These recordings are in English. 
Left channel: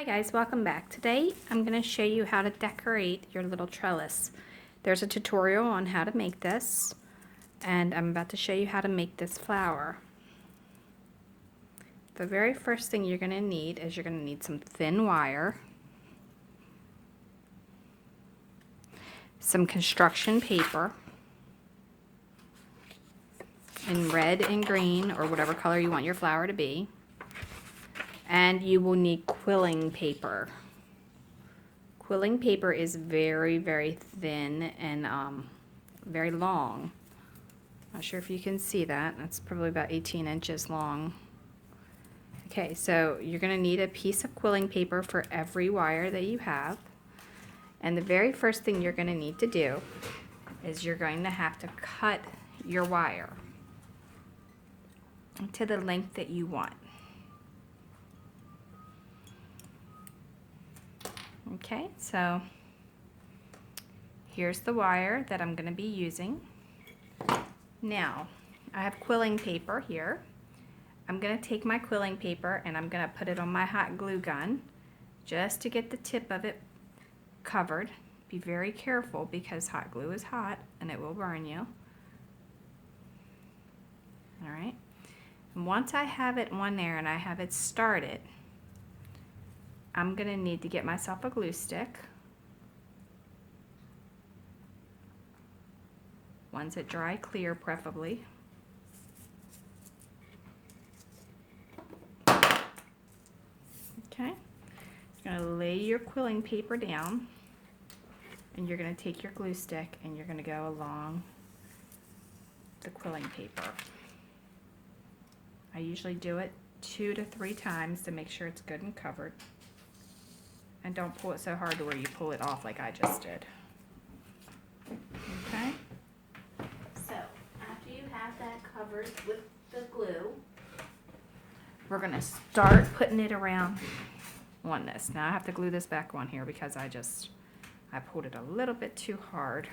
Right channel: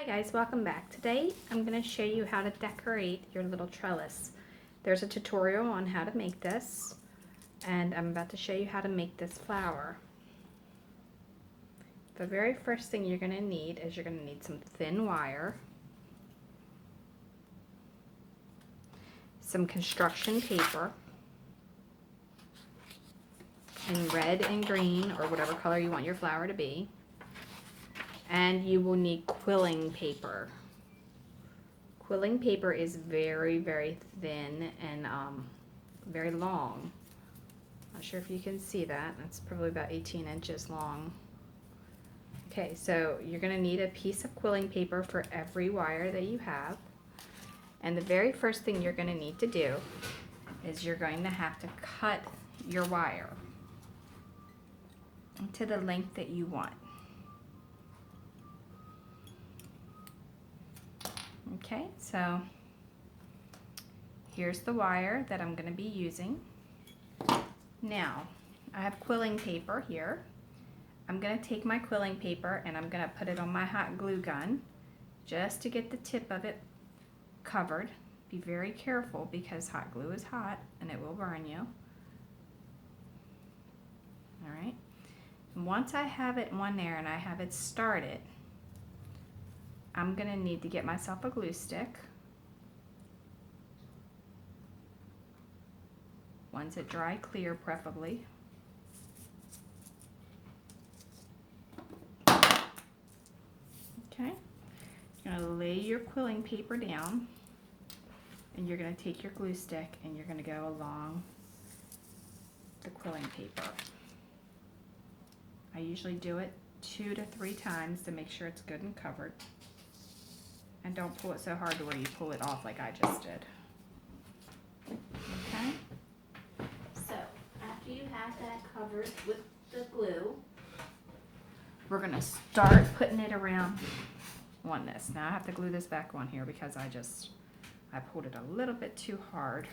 Hi guys, welcome back. Today I'm going to show you how to decorate your little trellis. There's a tutorial on how to make this, and I'm about to show you how to make this flower. The very first thing you're going to need is you're going to need some thin wire, some construction paper in red and green or whatever color you want your flower to be. And you will need quilling paper. Quilling paper is very, very thin and very long. Not sure if you can see that. That's probably about 18 inches long. Okay, so you're going to need a piece of quilling paper for every wire that you have. And the very first thing you're going to need to do is you're going to have to cut your wire to the length that you want. Okay, so here's the wire that I'm going to be using. Now, I have quilling paper here. I'm going to take my quilling paper and I'm going to put it on my hot glue gun just to get the tip of it covered. Be very careful because hot glue is hot and it will burn you. Alright, and once I have it on there and I have it started, I'm going to need to get myself a glue stick. One's a dry clear preferably. Okay, you're going to lay your quilling paper down and you're going to take your glue stick and you're going to go along the quilling paper. I usually do it 2 to 3 times to make sure it's good and covered. And don't pull it so hard to where you pull it off like I just did. Okay? So, after you have that covered with the glue, we're going to start putting it around on this. Now I have to glue this back on here because I pulled it a little bit too hard.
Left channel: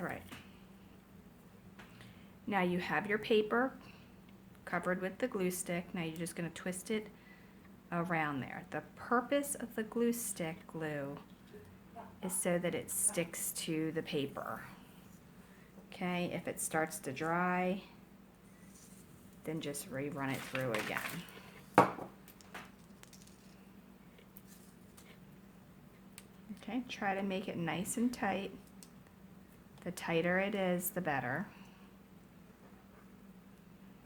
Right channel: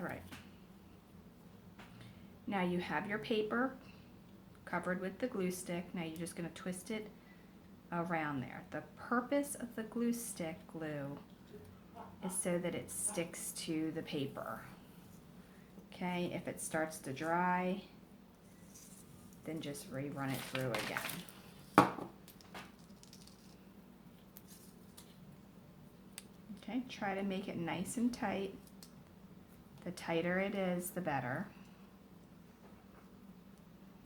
Alright, now you have your paper covered with the glue stick. Now you're just going to twist it around there. The purpose of the glue stick glue is so that it sticks to the paper. Okay, if it starts to dry, then just rerun it through again. Okay, try to make it nice and tight. The tighter it is, the better.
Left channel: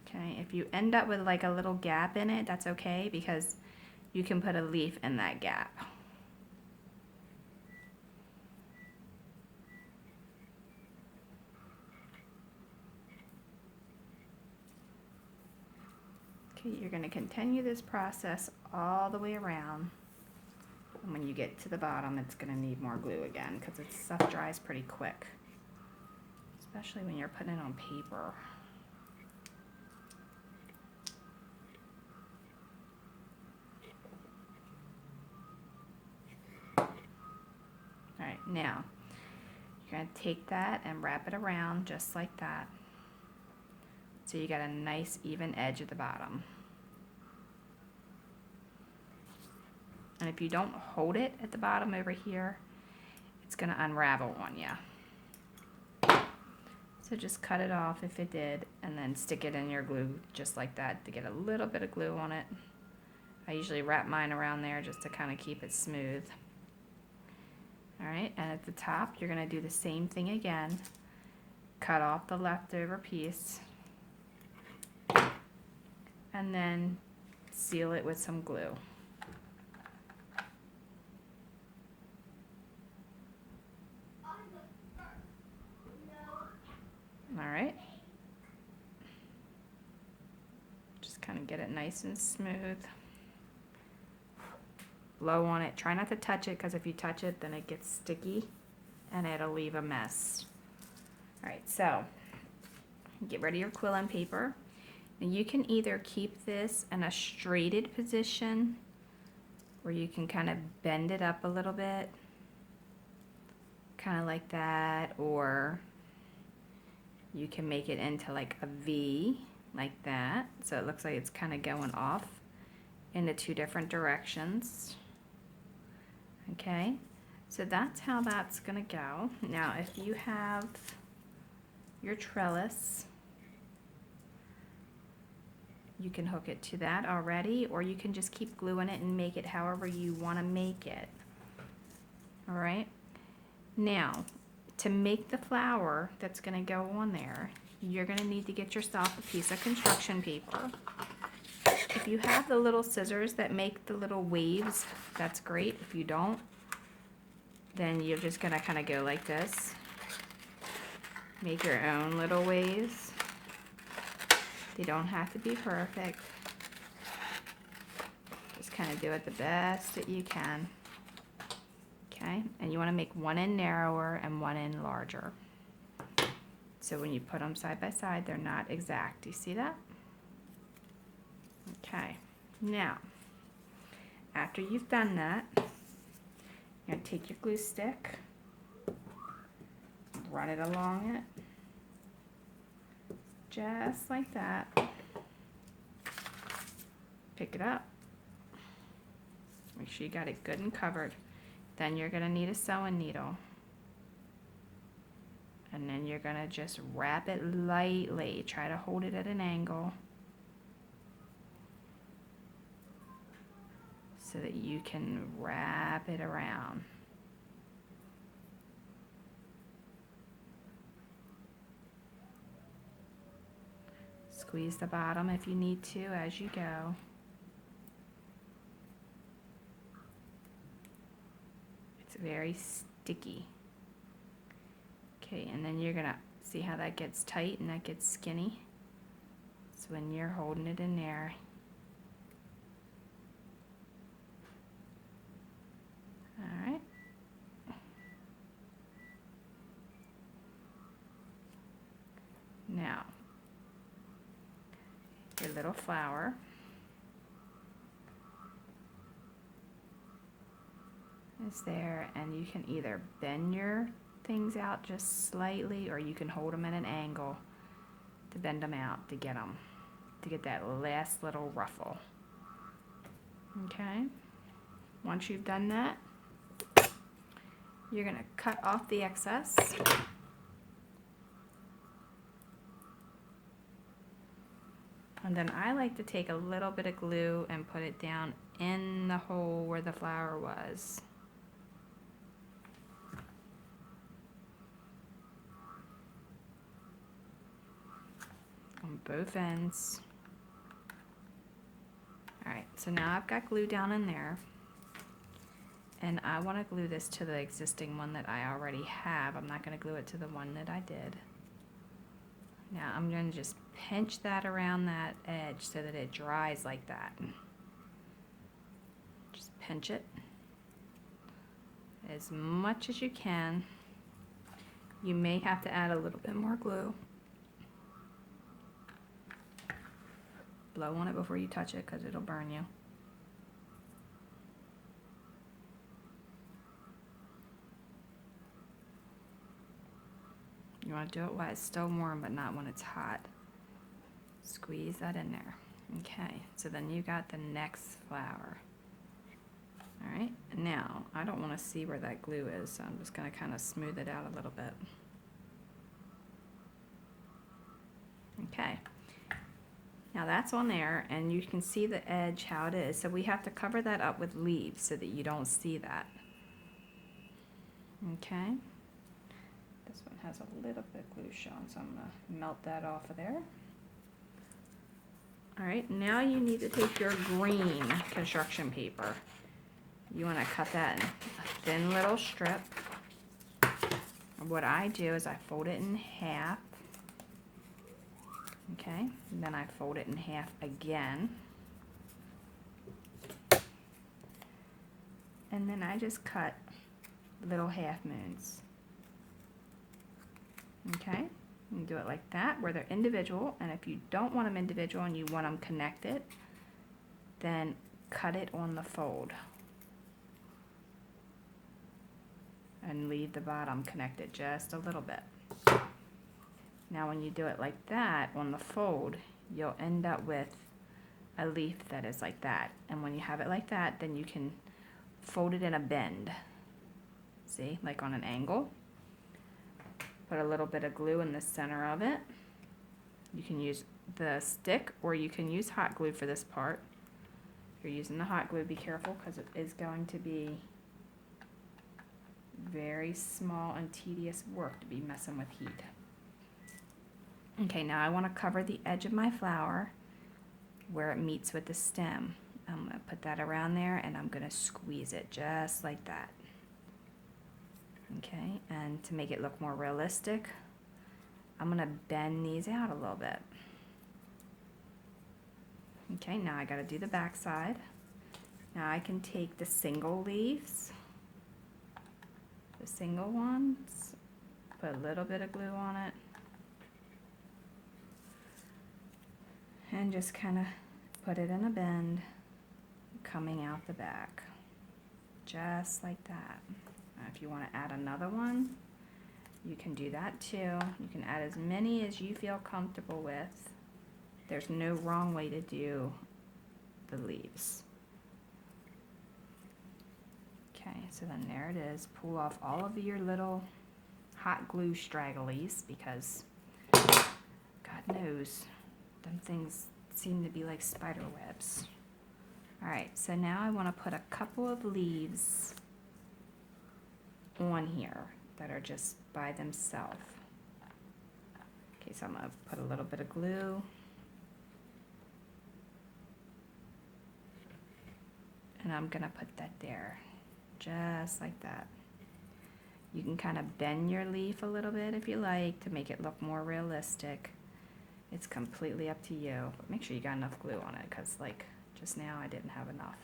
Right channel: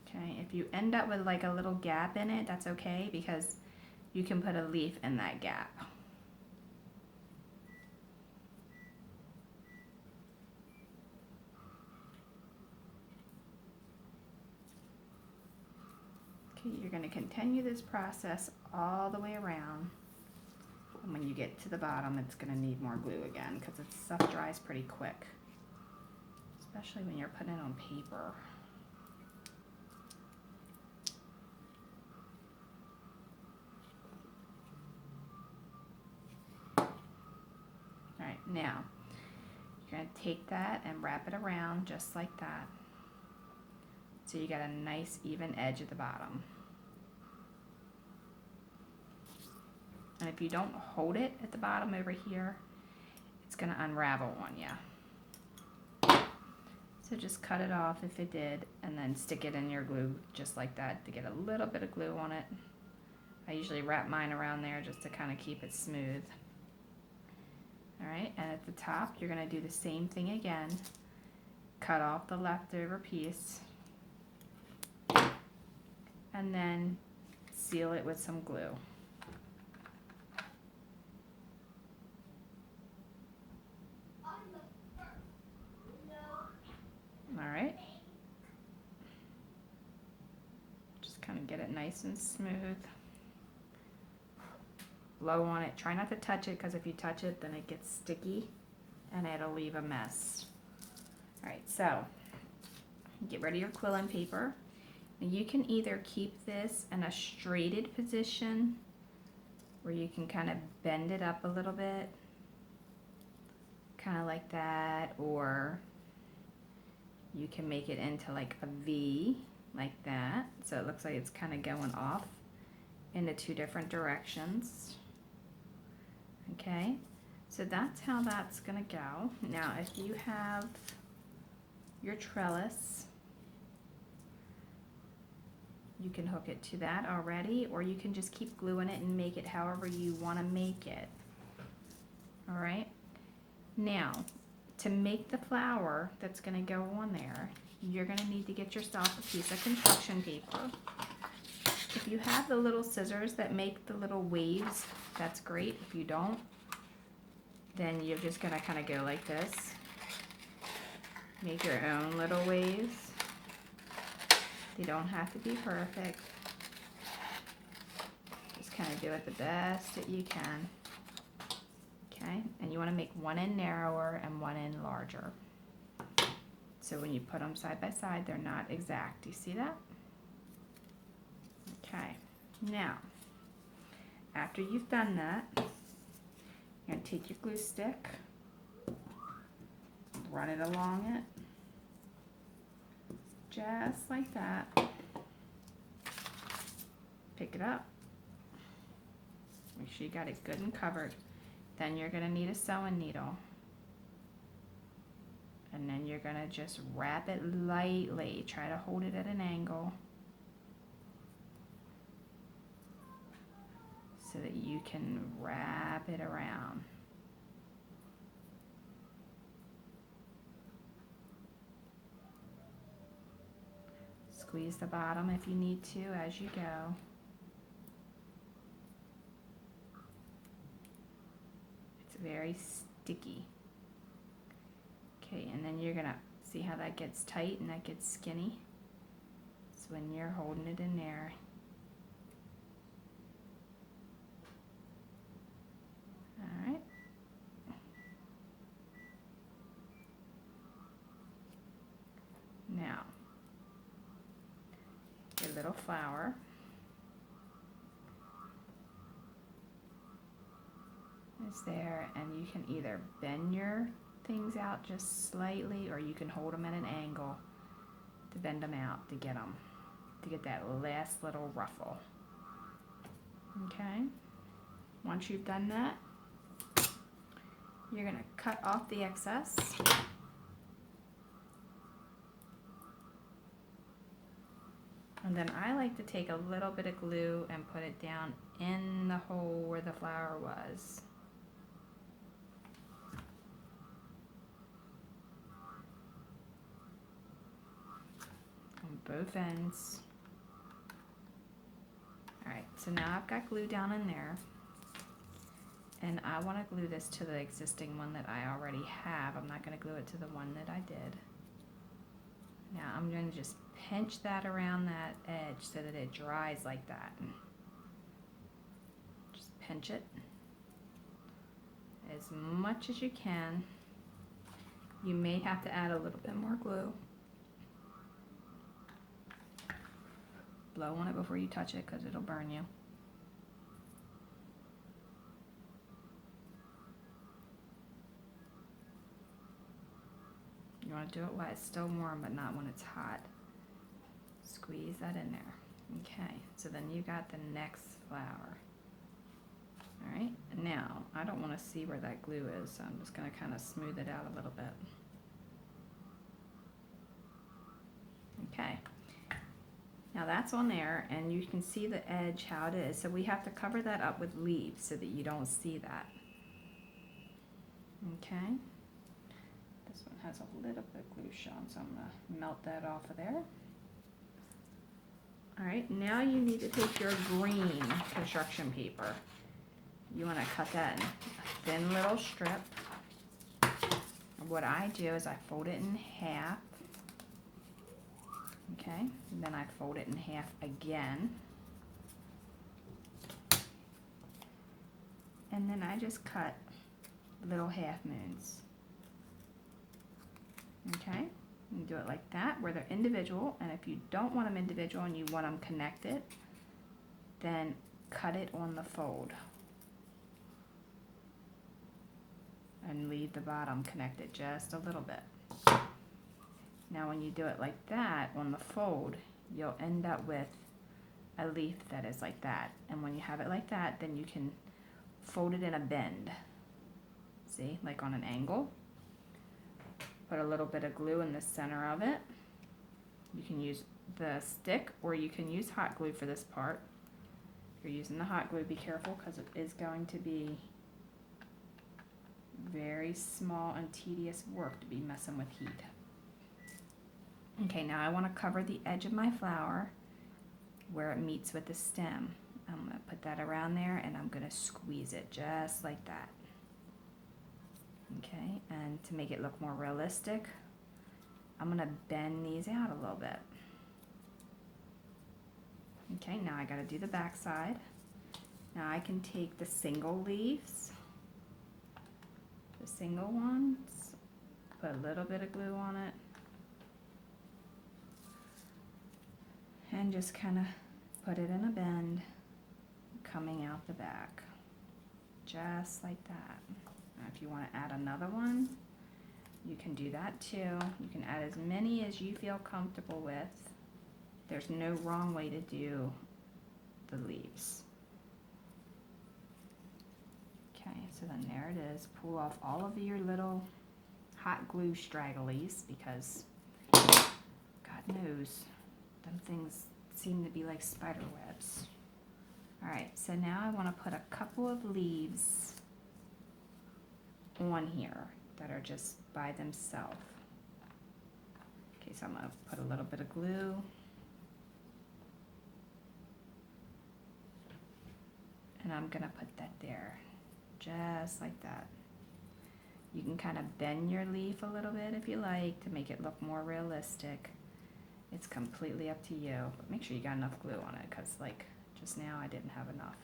Okay, if you end up with like a little gap in it, that's okay because you can put a leaf in that gap. Okay, you're going to continue this process all the way around. And when you get to the bottom, it's going to need more glue again because this stuff dries pretty quick. Especially when you're putting it on paper. Alright, now you're going to take that and wrap it around just like that. So you got a nice even edge at the bottom. And if you don't hold it at the bottom over here, it's going to unravel on you. So just cut it off if it did, and then stick it in your glue just like that to get a little bit of glue on it. I usually wrap mine around there just to kind of keep it smooth. Alright, and at the top you're going to do the same thing again. Cut off the leftover piece, and then seal it with some glue. Alright, just kind of get it nice and smooth. Blow on it. Try not to touch it because if you touch it then it gets sticky and it'll leave a mess. Alright, so get rid of your quilling paper. Now you can either keep this in a straighted position where you can kind of bend it up a little bit, kind of like that, or you can make it into like a V, like that, so it looks like it's kind of going off into two different directions. Okay, so that's how that's gonna go. Now if you have your trellis, you can hook it to that already, or you can just keep gluing it and make it however you want to make it. All right, now to make the flower that's going to go on there, you're going to need to get yourself a piece of construction paper. If you have the little scissors that make the little waves, that's great. If you don't, then you're just going to kind of go like this. Make your own little waves. They don't have to be perfect. Just kind of do it the best that you can. Okay, and you want to make one end narrower and one end larger. So when you put them side by side, they're not exact. Do you see that? Okay, now, after you've done that, you're going to take your glue stick, run it along it, just like that. Pick it up. Make sure you got it good and covered. Then you're going to need a sewing needle. And then you're going to just wrap it lightly. Try to hold it at an angle so that you can wrap it around. Squeeze the bottom if you need to as you go. It's very sticky. Okay, and then you're gonna see how that gets tight and that gets skinny. So when you're holding it in there, all right. Now, your little flower. Is there, and you can either bend your things out just slightly, or you can hold them at an angle to bend them out to get that last little ruffle. Okay, once you've done that, you're going to cut off the excess. And then I like to take a little bit of glue and put it down in the hole where the flower was. On both ends. Alright, so now I've got glue down in there. And I want to glue this to the existing one that I already have. I'm not going to glue it to the one that I did. Now I'm going to just pinch that around that edge so that it dries like that. Just pinch it as much as you can. You may have to add a little bit more glue. Blow on it before you touch it because it'll burn you. You want to do it while it's still warm, but not when it's hot. Squeeze that in there. Okay, so then you got the next flower. Alright, now I don't want to see where that glue is, so I'm just going to kind of smooth it out a little bit. Okay, now that's on there, and you can see the edge how it is. So we have to cover that up with leaves so that you don't see that. Okay. This one has a little bit of glue shown, so I'm going to melt that off of there. Alright, now you need to take your green construction paper. You want to cut that in a thin little strip. What I do is I fold it in half. Okay, and then I fold it in half again. And then I just cut little half moons. Okay, You do it like that, where they're individual, and if you don't want them individual and you want them connected, then cut it on the fold and leave the bottom connected just a little bit. Now when you do it like that on the fold, you'll end up with a leaf that is like that. And when you have it like that, then you can fold it in a bend. See, like on an angle. Put a little bit of glue in the center of it. You can use the stick or you can use hot glue for this part. If you're using the hot glue, be careful because it is going to be very small and tedious work to be messing with heat. Okay, now I want to cover the edge of my flower where it meets with the stem. I'm going to put that around there and I'm going to squeeze it just like that. Okay, and to make it look more realistic, I'm going to bend these out a little bit. Okay, now I got to do the back side. Now I can take the single leaves, the single ones, put a little bit of glue on it, and just kind of put it in a bend, coming out the back, just like that. Now if you want to add another one, you can do that too. You can add as many as you feel comfortable with. There's no wrong way to do the leaves. Okay, so then there it is. Pull off all of your little hot glue stragglies because God knows them things seem to be like spider webs. Alright, so now I want to put a couple of leaves on here that are just by themselves. Okay, so I'm going to put a little bit of glue. And I'm going to put that there, just like that. You can kind of bend your leaf a little bit if you like to make it look more realistic. It's completely up to you, but make sure you got enough glue on it because like just now I didn't have enough.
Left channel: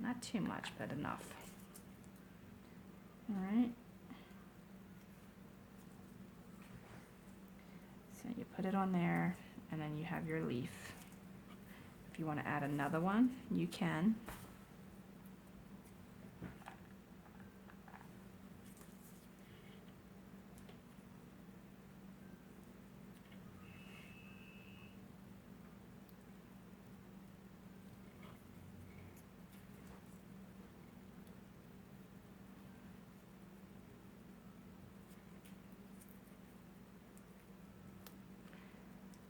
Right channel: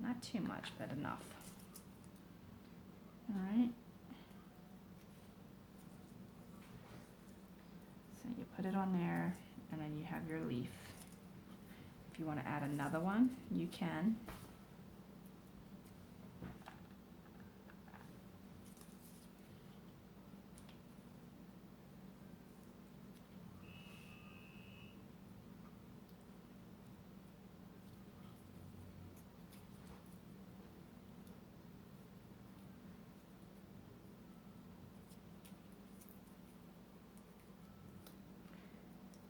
Not too much, but enough. Alright. So you put it on there and then you have your leaf. If you want to add another one, you can.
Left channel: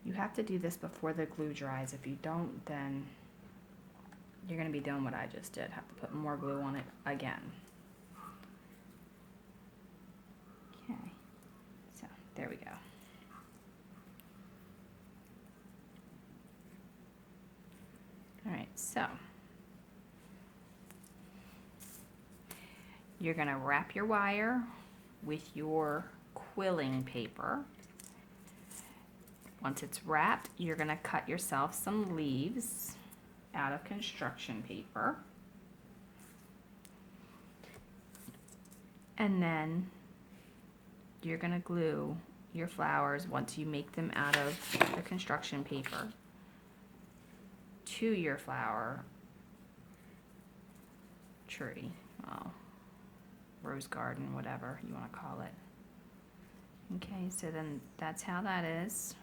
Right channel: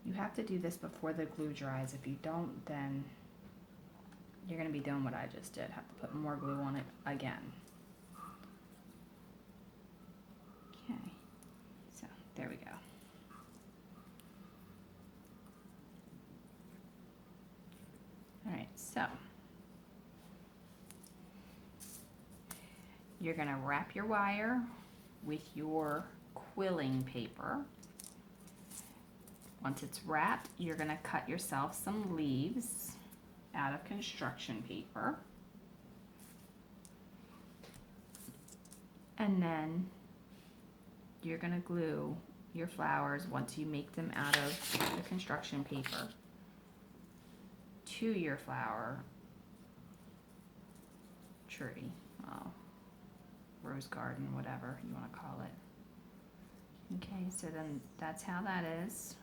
You have to do this before the glue dries. If you don't, then you're going to be doing what I just did. Have to put more glue on it again. Okay, so there we go. Alright, so you're going to wrap your wire with your quilling paper. Once it's wrapped, you're going to cut yourself some leaves out of construction paper. And then you're going to glue your flowers once you make them out of the construction paper to your flower tree, rose garden, whatever you want to call it. Okay, so then that's how that is.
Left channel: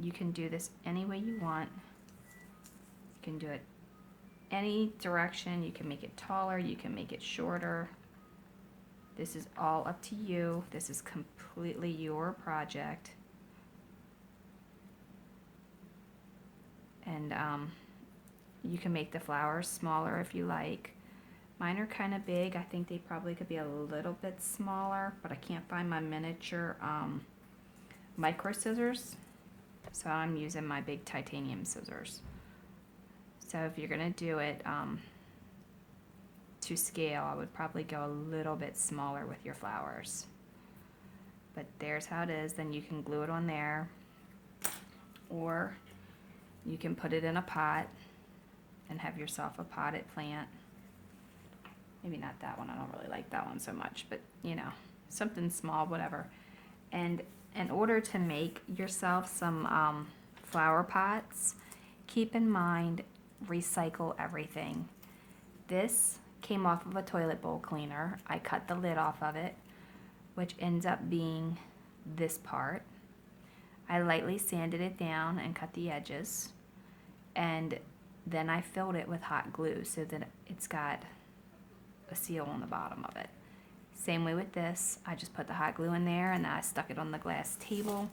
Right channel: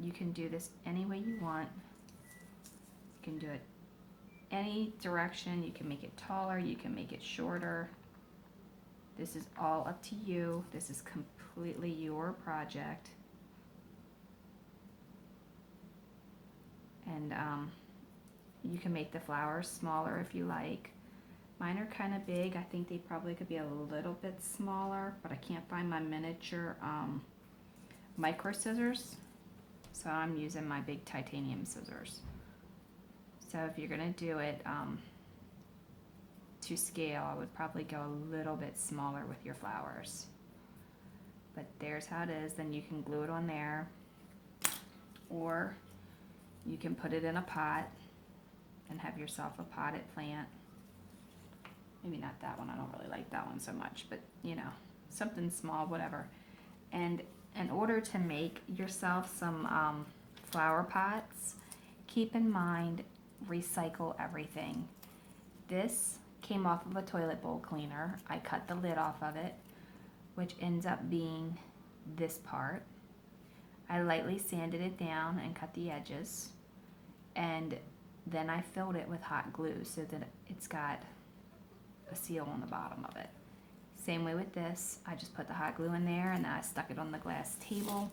You can do this any way you want. You can do it any direction. You can make it taller, you can make it shorter. This is all up to you. This is completely your project. And you can make the flowers smaller if you like. Mine are kind of big. I think they probably could be a little bit smaller, but I can't find my miniature micro scissors. So I'm using my big titanium scissors. So if you're going to do it to scale, I would probably go a little bit smaller with your flowers. But there's how it is. Then you can glue it on there. Or you can put it in a pot and have yourself a potted plant. Maybe not that one. I don't really like that one so much. But, you know, something small, whatever. And in order to make yourself some flower pots, keep in mind, recycle everything. This came off of a toilet bowl cleaner. I cut the lid off of it, which ends up being this part. I lightly sanded it down and cut the edges, and then I filled it with hot glue so that it's got a seal on the bottom of it. Same way with this, I just put the hot glue in there and then I stuck it on the glass table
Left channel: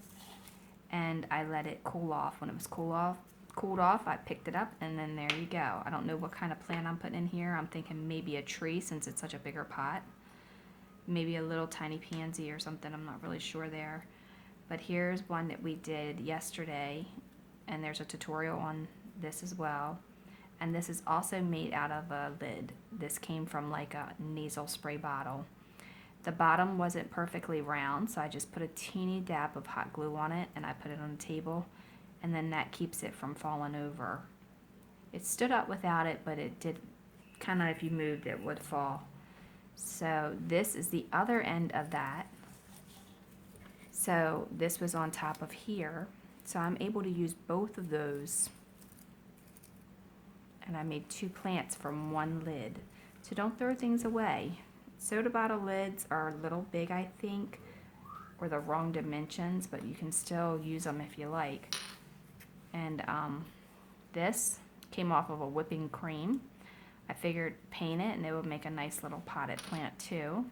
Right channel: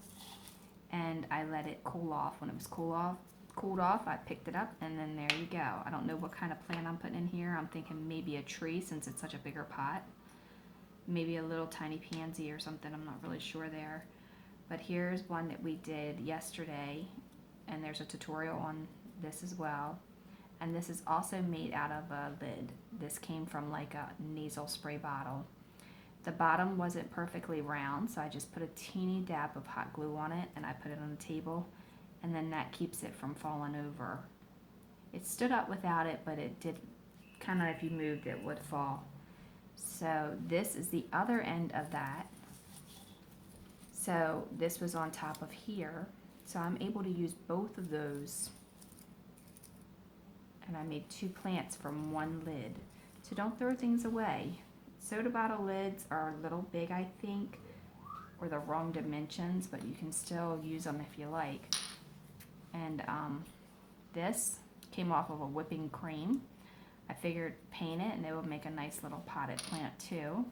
and I let it cool off. When it was cooled off, I picked it up and then there you go. I don't know what kind of plant I'm putting in here. I'm thinking maybe a tree since it's such a bigger pot. Maybe a little tiny pansy or something, I'm not really sure there. But here's one that we did yesterday, and there's a tutorial on this as well. And this is also made out of a lid. This came from like a nasal spray bottle. The bottom wasn't perfectly round, so I just put a teeny dab of hot glue on it and I put it on the table, and then that keeps it from falling over. It stood up without it, but it did kind of, if you moved it would fall. So this is the other end of that. So this was on top of here. So I'm able to use both of those. And I made 2 plants from one lid. So don't throw things away. Soda bottle lids are a little big, I think, or the wrong dimensions, but you can still use them if you like. And this came off of a whipping cream. I figured paint it and it would make a nice little potted plant too.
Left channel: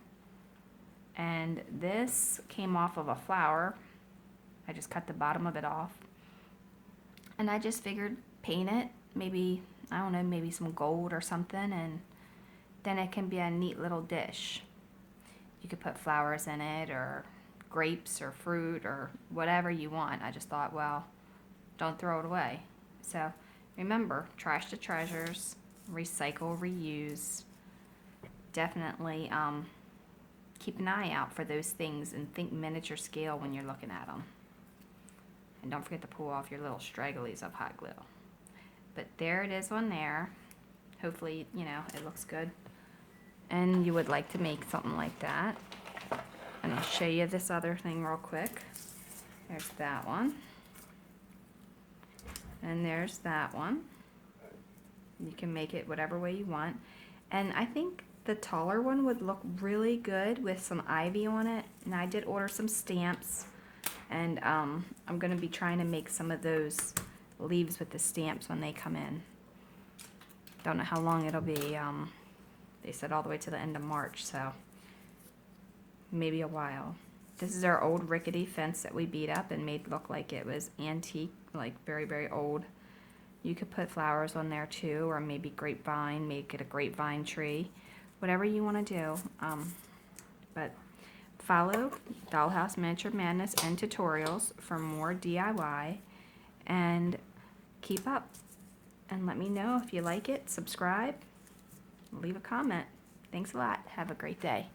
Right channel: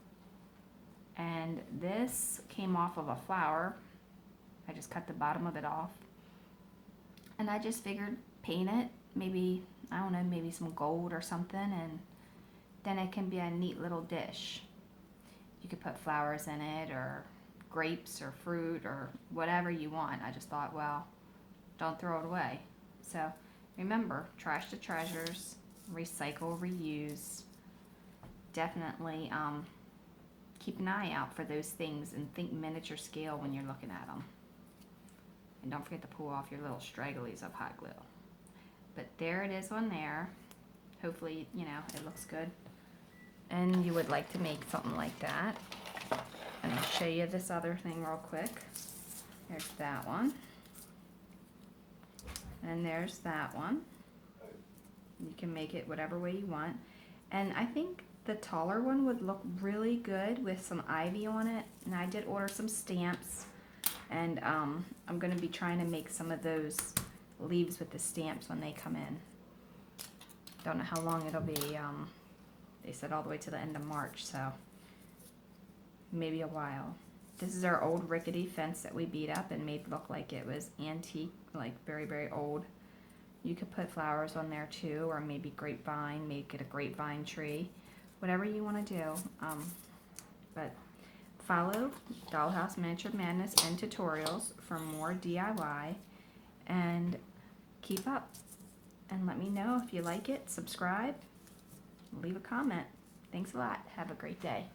And this came off of a flower. I just cut the bottom of it off. And I just figured paint it, maybe, I don't know, maybe some gold or something, and then it can be a neat little dish. You could put flowers in it or grapes or fruit or whatever you want. I just thought, well, don't throw it away. So remember, trash to treasures, recycle, reuse. Definitely keep an eye out for those things and think miniature scale when you're looking at them. And don't forget to pull off your little stragglies of hot glue. But there it is on there. Hopefully, you know, it looks good. And you would like to make something like that. And I'll show you this other thing real quick. There's that one. And there's that one. You can make it whatever way you want. And I think the taller one would look really good with some ivy on it. And I did order some stamps. And I'm going to be trying to make some of those leaves with the stamps when they come in. Don't know how long it'll be. They said all the way to the end of March, so maybe a while. This is our old rickety fence that we beat up and made look like it was antique, like very, very old. You could put flowers on there too, or maybe grapevine, make it a grapevine tree, whatever you want to do. But follow Dollhouse Miniature Madness and tutorials for more DIY, and keep up. And let me know if you like it, subscribe, leave a comment. Thanks a lot. Have a great day.